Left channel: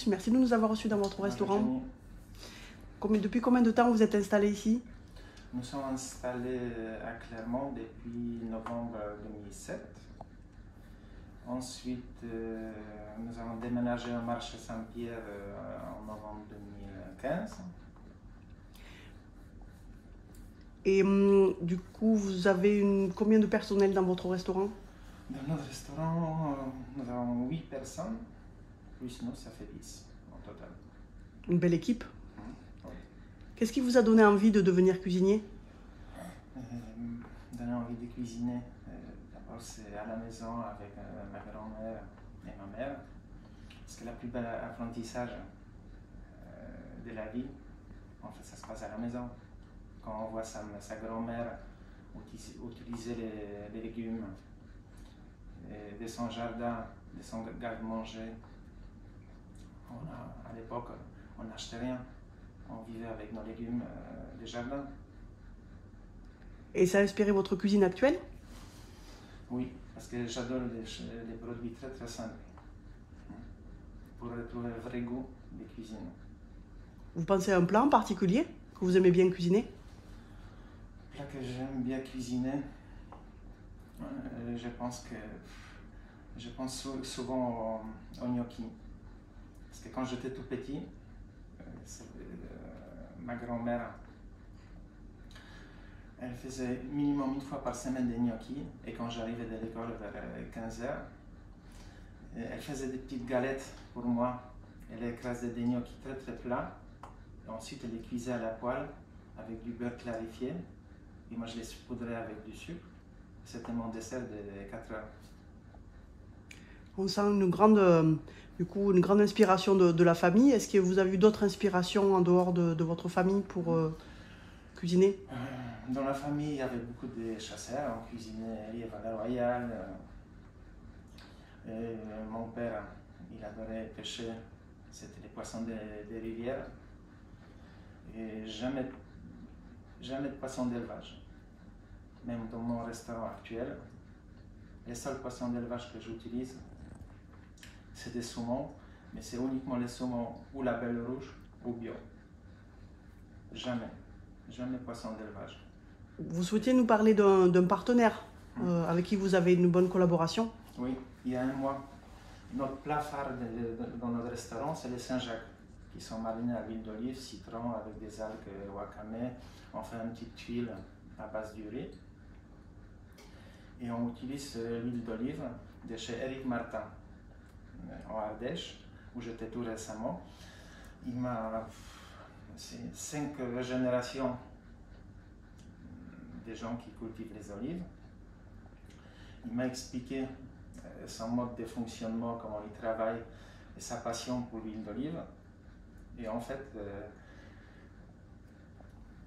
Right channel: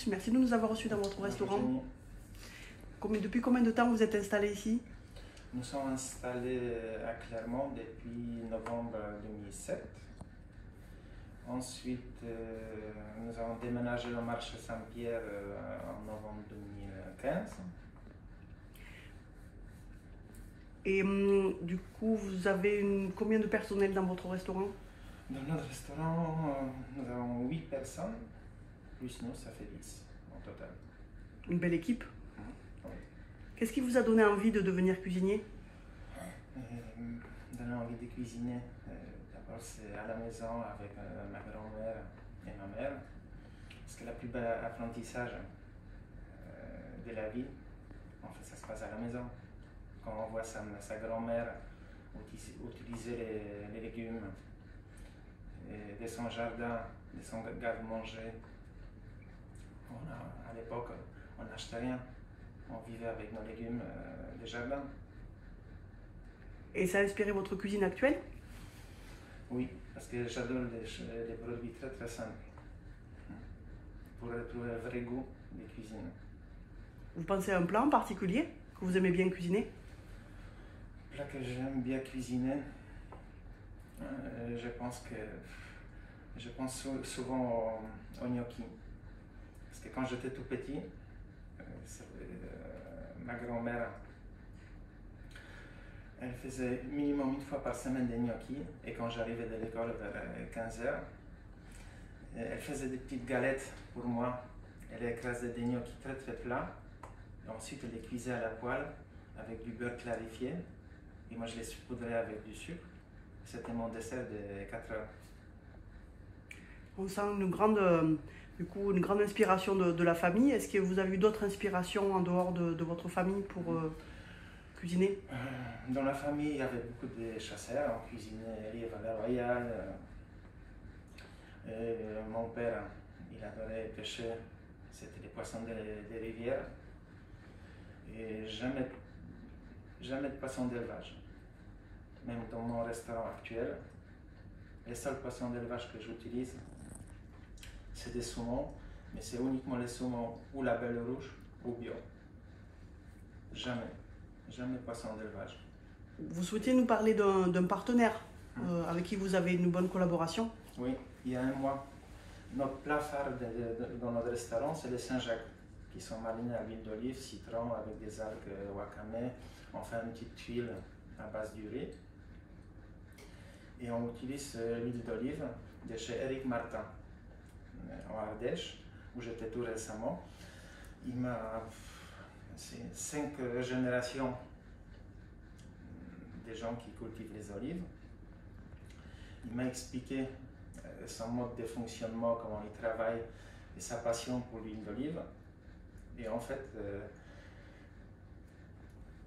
plus. Merci de nous avoir reçus dans votre restaurant. Jenny. Depuis combien de temps vous êtes installé ici? Nous sommes installés à Clermont depuis novembre 2007. Ensuite, nous avons déménagé au marché Saint-Pierre en novembre 2015. Et du coup, vous avez combien de personnel dans votre restaurant? Dans notre restaurant, nous avons 8 personnes, plus nous, ça fait 10 en total. Une belle équipe. Oui. Qu'est-ce qui vous a donné envie de devenir cuisinier? Donner envie de cuisiner, d'abord c'est à la maison avec ma grand-mère et ma mère, parce que le plus bel apprentissage de la vie, en fait, ça se passe à la maison. Quand on voit sa grand-mère utiliser les légumes de son jardin, de son garde-manger, à l'époque, on n'achetait rien. On vivait avec nos légumes des jardins. Et ça a inspiré votre cuisine actuelle? Oui, parce que j'adore les produits très très simples pour retrouver un vrai goût de cuisine. Vous pensez à un plat en particulier que vous aimez bien cuisiner? Un plat que j'aime bien cuisiner, je pense souvent au gnocchi. Parce que quand j'étais tout petit, ma grand-mère, elle faisait minimum une fois par semaine des gnocchis, et quand j'arrivais de l'école vers 15 h, elle faisait des petites galettes pour moi. Elle écrasait des gnocchis très très plats, et ensuite elle les cuisait à la poêle avec du beurre clarifié, et moi je les saupoudrais avec du sucre. C'était mon dessert de 4 h. On sent une grande inspiration de la famille. Est-ce que vous avez eu d'autres inspirations en dehors de votre famille pour cuisiner? Dans la famille, il y avait beaucoup de chasseurs. On cuisinait lièvre à la royale. Mon père, il adorait pêcher. C'était les poissons des rivières. Et jamais de poissons d'élevage. Même dans mon restaurant actuel, les seuls poissons d'élevage que j'utilise, c'est des saumons, mais c'est uniquement les saumons ou la belle rouge ou bio. Jamais poisson d'élevage. Vous souhaitiez nous parler d'un partenaire avec qui vous avez une bonne collaboration? Oui, il y a un mois. Notre plat phare dans notre restaurant, c'est les Saint-Jacques, qui sont marinés à l'huile d'olive, citron, avec des algues wakame. On fait une petite huile à base du riz. Et on utilise l'huile d'olive de chez Éric Martin, en Ardèche, où j'étais tout récemment. C'est 5 générations des gens qui cultivent les olives. Il m'a expliqué son mode de fonctionnement, comment il travaille et sa passion pour l'huile d'olive. Et en fait,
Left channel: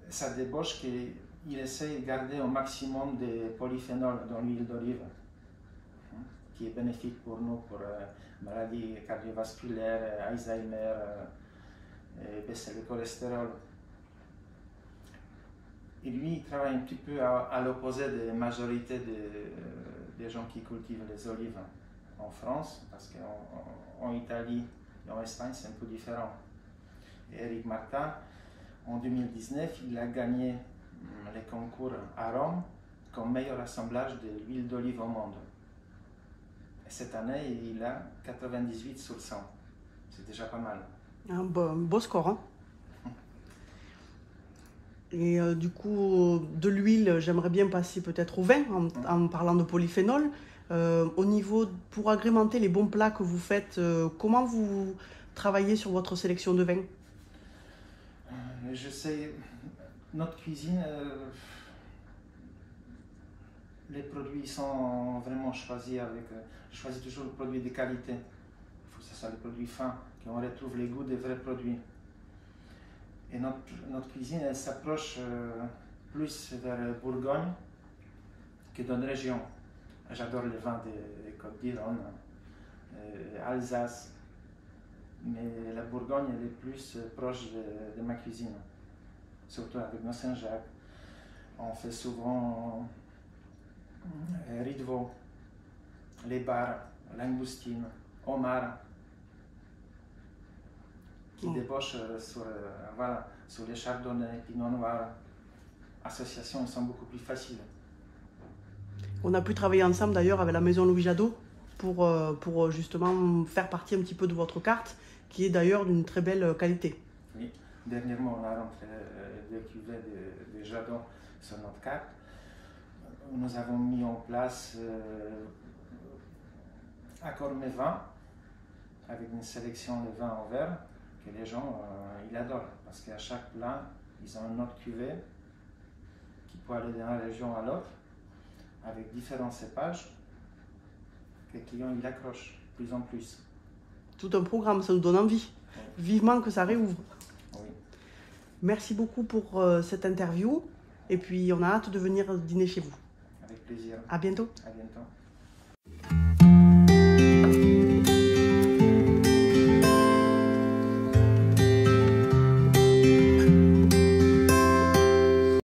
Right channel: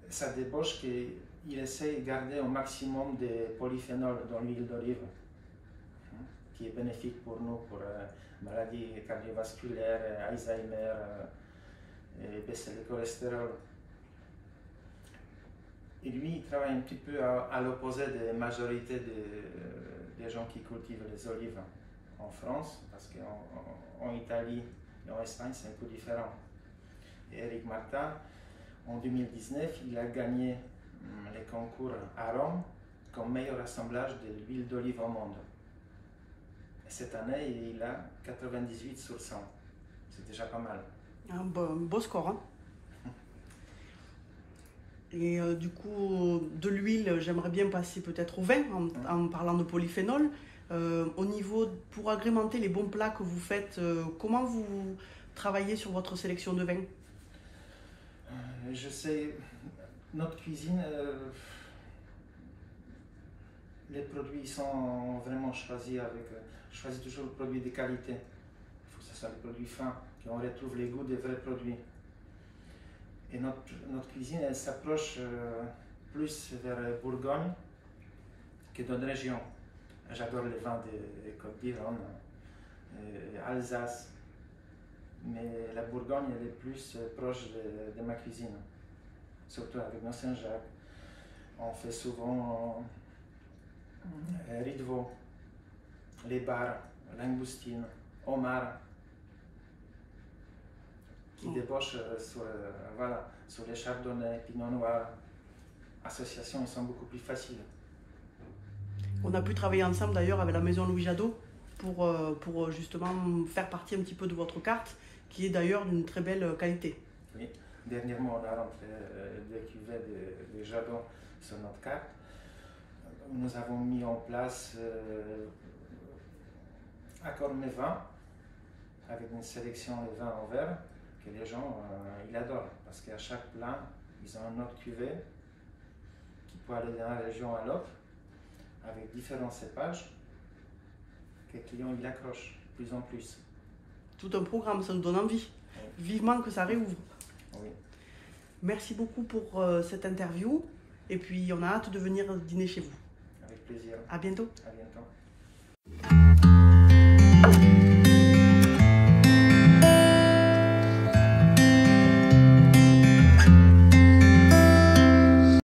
ça débauche qu'il essaie de garder au maximum de polyphénols dans l'huile d'olive, qui est bénéfique pour nous, pour maladies cardiovasculaires, Alzheimer, et baisser le cholestérol. Et lui, il travaille un petit peu à l'opposé de la majorité des gens qui cultivent les olives en France, parce qu'en Italie et en Espagne, c'est un peu différent. Et Éric Martin, en 2019, il a gagné les concours à Rome comme meilleur assemblage de l'huile d'olive au monde. Et cette année, il a 98 sur 100. C'est déjà pas mal. Un beau score, hein? Et du coup, de l'huile, j'aimerais bien passer peut-être au vin, en parlant de polyphénol. Pour agrémenter les bons plats que vous faites, comment vous travaillez sur votre sélection de vin? Je sais, notre cuisine, les produits sont vraiment choisis je choisis toujours le produit de qualité. Il faut que ce soit des produits fins, qu'on retrouve les goûts des vrais produits. Et notre cuisine, elle s'approche plus vers Bourgogne que d'autres régions. J'adore les vins des Côtes d'Iron, Alsace, mais la Bourgogne, elle est plus proche de ma cuisine, surtout avec nos Saint-Jacques. On fait souvent riz de veau, les bars, langoustine, homard. qui débauchent voilà, sur les chardonnays, pinot noir. Associations, ils sont beaucoup plus faciles. On a pu travailler ensemble d'ailleurs avec la maison Louis Jadot pour justement faire partie un petit peu de votre carte, qui est d'ailleurs d'une très belle qualité. Oui, dernièrement on a rentré des cuvées de Jadot sur notre carte. Nous avons mis en place Accord mes vins, avec une sélection de vins en verre que les gens ils adorent, parce qu'à chaque plat, ils ont une autre cuvée qui peut aller d'une région à l'autre, avec différents cépages, que les clients ils accrochent de plus en plus. Tout un programme, ça nous donne envie. Oui. Vivement que ça réouvre. Oui. Merci beaucoup pour cette interview, et puis on a hâte de venir dîner chez vous. Avec plaisir. À bientôt. À bientôt.